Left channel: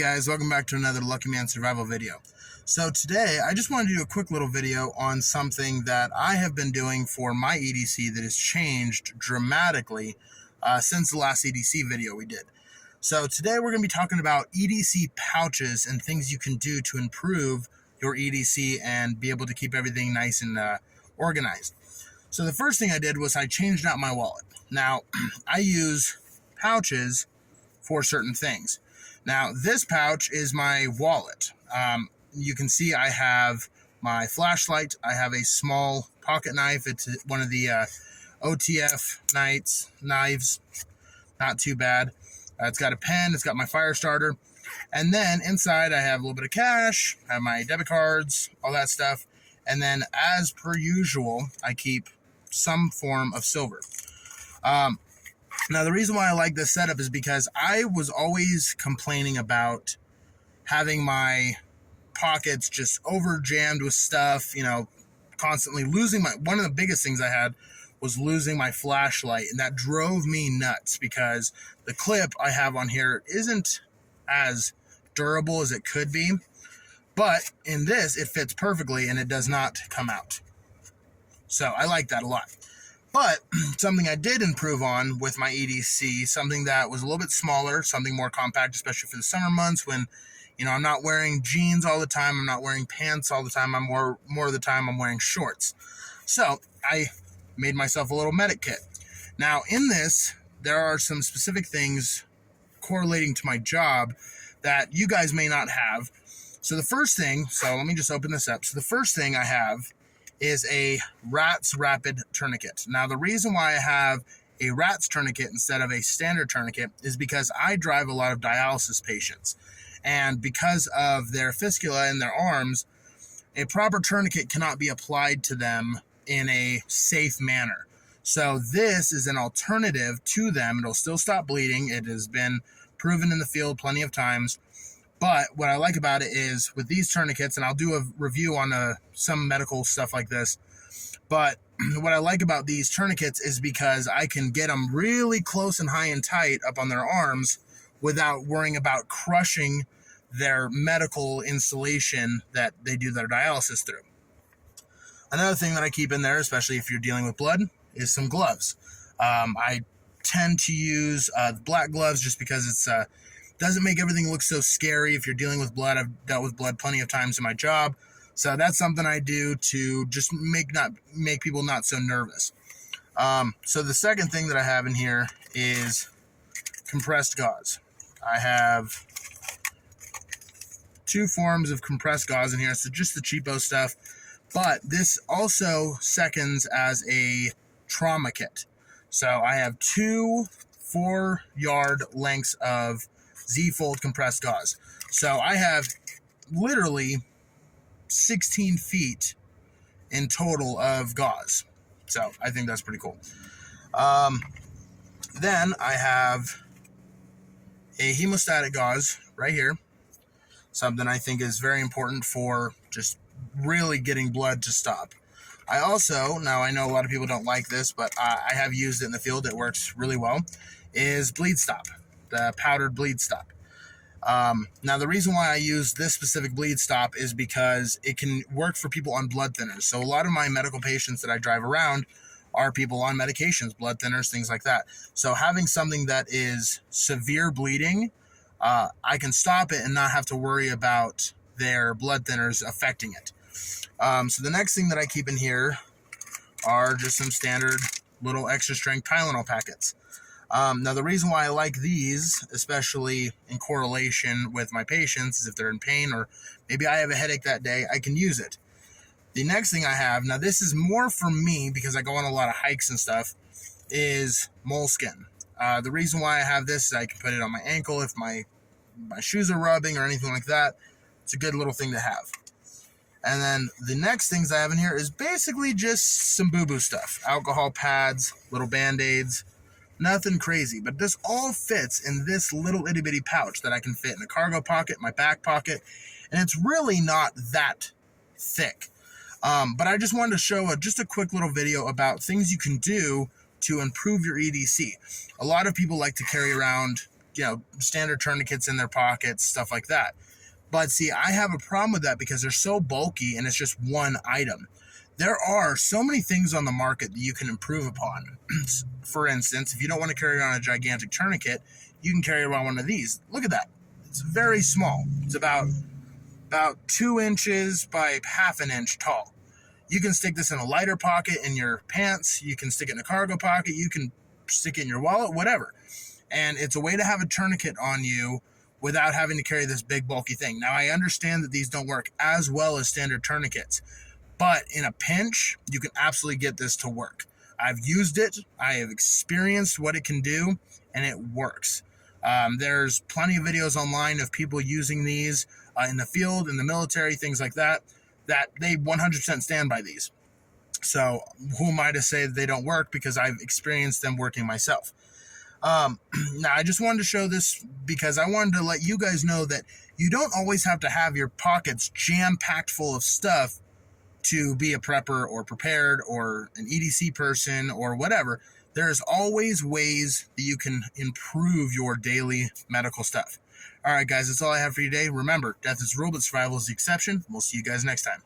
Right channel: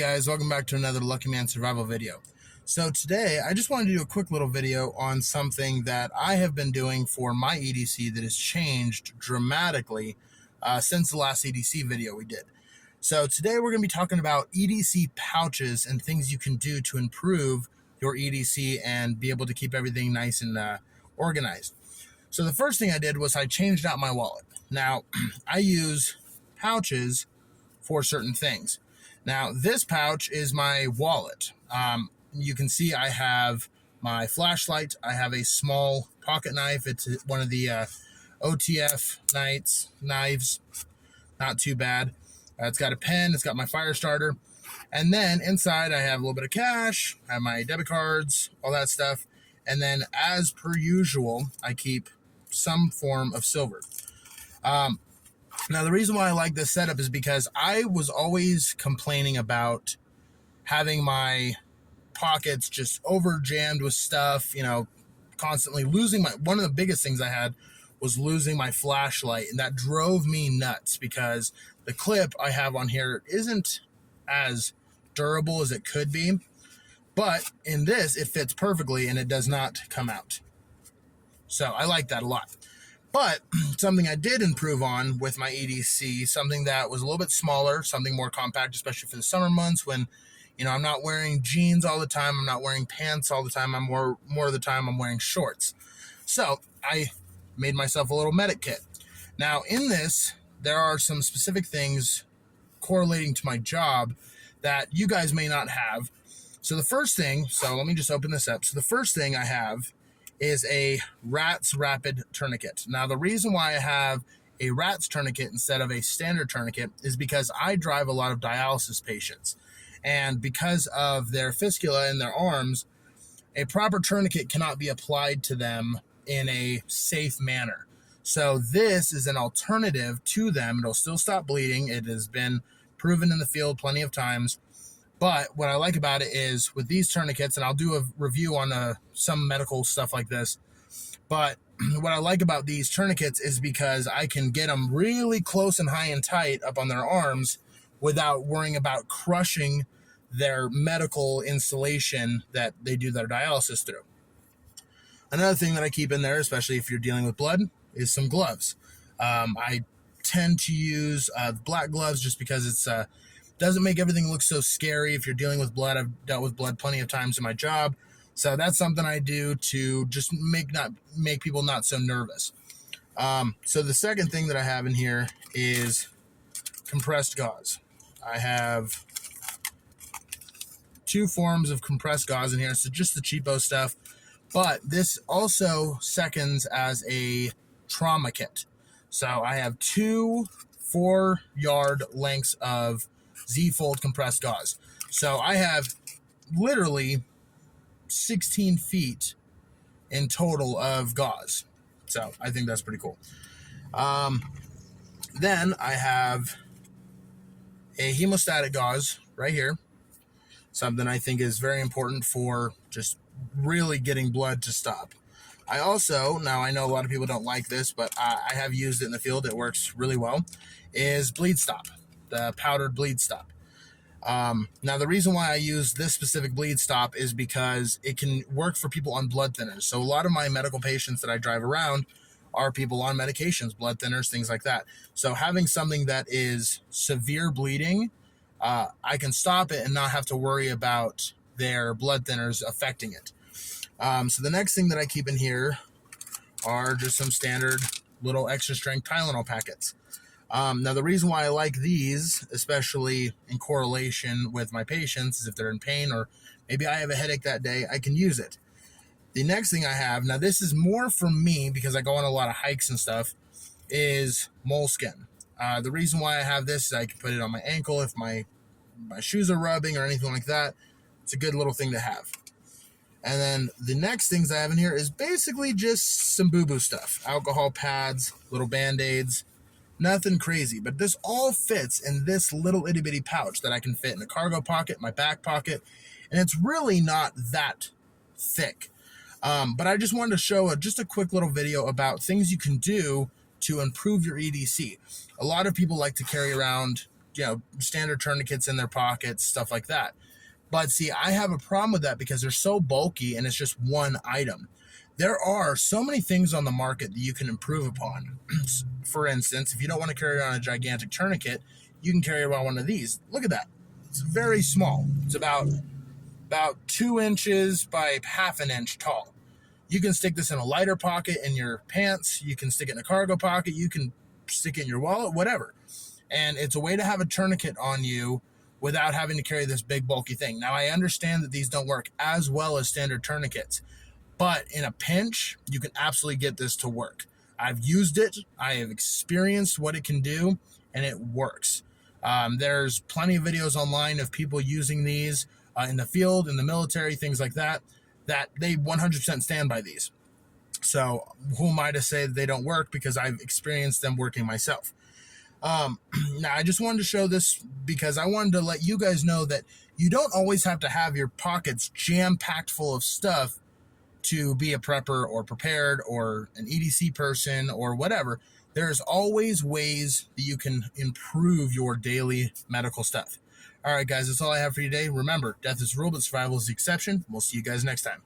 guys, welcome back to another Lucky Man Survival video. So today I just wanted to do a quick little video on something that I have been doing for my EDC that has changed dramatically since the last EDC video we did. So today we're going to be talking about EDC pouches and things you can do to improve your EDC and be able to keep everything nice and organized. So the first thing I did was I changed out my wallet. Now I use pouches for certain things. Now this pouch is my wallet. You can see I have my flashlight. I have a small pocket knife. It's one of the OTF knives. Not too bad. It's got a pen. It's got my fire starter. And then inside I have a little bit of cash. I have my debit cards, all that stuff. And then as per usual, I keep some form of silver. Now, the reason why I like this setup is because I was always complaining about having my pockets just over jammed with stuff, you know, constantly losing one of the biggest things I had was losing my flashlight, and that drove me nuts because the clip I have on here isn't as durable as it could be, but in this, it fits perfectly and it does not come out. So I like that a lot. But something I did improve on with my EDC, something that was a little bit smaller, something more compact, especially for the summer months when, you know, I'm not wearing jeans all the time, I'm not wearing pants all the time, I'm more of the time I'm wearing shorts. So I made myself a little medic kit. Now in this, there are some specific things correlating to my job that you guys may not have. So the first thing, so let me just open this up. So the first thing I have is a RATS Rapid Tourniquet. Now, the reason why I have a RATS tourniquet instead of a standard tourniquet is because I drive a lot of dialysis patients. And because of their fistula in their arms, a proper tourniquet cannot be applied to them in a safe manner. So this is an alternative to them. It'll still stop bleeding. It has been proven in the field plenty of times. But what I like about it is with these tourniquets, and I'll do a review on some medical stuff like this, but what I like about these tourniquets is because I can get them really close and high and tight up on their arms without worrying about crushing their medical installation that they do their dialysis through. Another thing that I keep in there, especially if you're dealing with blood, is some gloves. I tend to use black gloves just because it's doesn't make everything look so scary if you're dealing with blood. I've dealt with blood plenty of times in my job. So that's something I do to just make people not so nervous. So the second thing that I have in here is compressed gauze. I have two forms of compressed gauze in here. So just the cheapo stuff. But this also seconds as a trauma kit. So I have two 4-yard lengths of Z-fold compressed gauze. So I have literally 16 feet in total of gauze. So I think that's pretty cool. Then I have a hemostatic gauze right here. Something I think is very important for just really getting blood to stop. I also, now I know a lot of people don't like this, but I have used it in the field. It works really well, is bleed stop. The powdered bleed stop. Now the reason why I use this specific bleed stop is because it can work for people on blood thinners. So a lot of my medical patients that I drive around are people on medications, blood thinners, things like that. So having something that is severe bleeding, I can stop it and not have to worry about their blood thinners affecting it. So the next thing that I keep in here are just some standard little extra strength Tylenol packets. Now, the reason why I like these, especially in correlation with my patients, is if they're in pain or maybe I have a headache that day, I can use it. The next thing I have, now this is more for me because I go on a lot of hikes and stuff, is moleskin. The reason why I have this is I can put it on my ankle if my shoes are rubbing or anything like that. It's a good little thing to have. And then the next things I have in here is basically just some boo-boo stuff. Alcohol pads, little Band-Aids. Nothing crazy, but this all fits in this little itty-bitty pouch that I can fit in a cargo pocket, my back pocket, and it's really not that thick. But I just wanted to show just a quick little video about things you can do to improve your EDC. A lot of people like to carry around standard tourniquets in their pockets, stuff like that. But see, I have a problem with that because they're so bulky and it's just one item. There are so many things on the market that you can improve upon. For instance, if you don't want to carry around a gigantic tourniquet, you can carry around one of these. Look at that. It's very small. It's about 2 inches by half an inch tall. You can stick this in a lighter pocket in your pants. You can stick it in a cargo pocket. You can stick it in your wallet, whatever. And it's a way to have a tourniquet on you without having to carry this big bulky thing. Now, I understand that these don't work as well as standard tourniquets, but in a pinch, you can absolutely get this to work. I've used it. I have experienced what it can do, and it works. There's plenty of videos online of people using these in the field, in the military, things like that, that they 100% stand by these. So who am I to say that they don't work, because I've experienced them working myself. Now, I just wanted to show this because I wanted to let you guys know that you don't always have to have your pockets jam-packed full of stuff to be a prepper or prepared or an EDC person or whatever. There's always ways that you can improve your daily medical stuff. All right, guys, that's all I have for you today. Remember, death is a rule, but survival is the exception. We'll see you guys next time.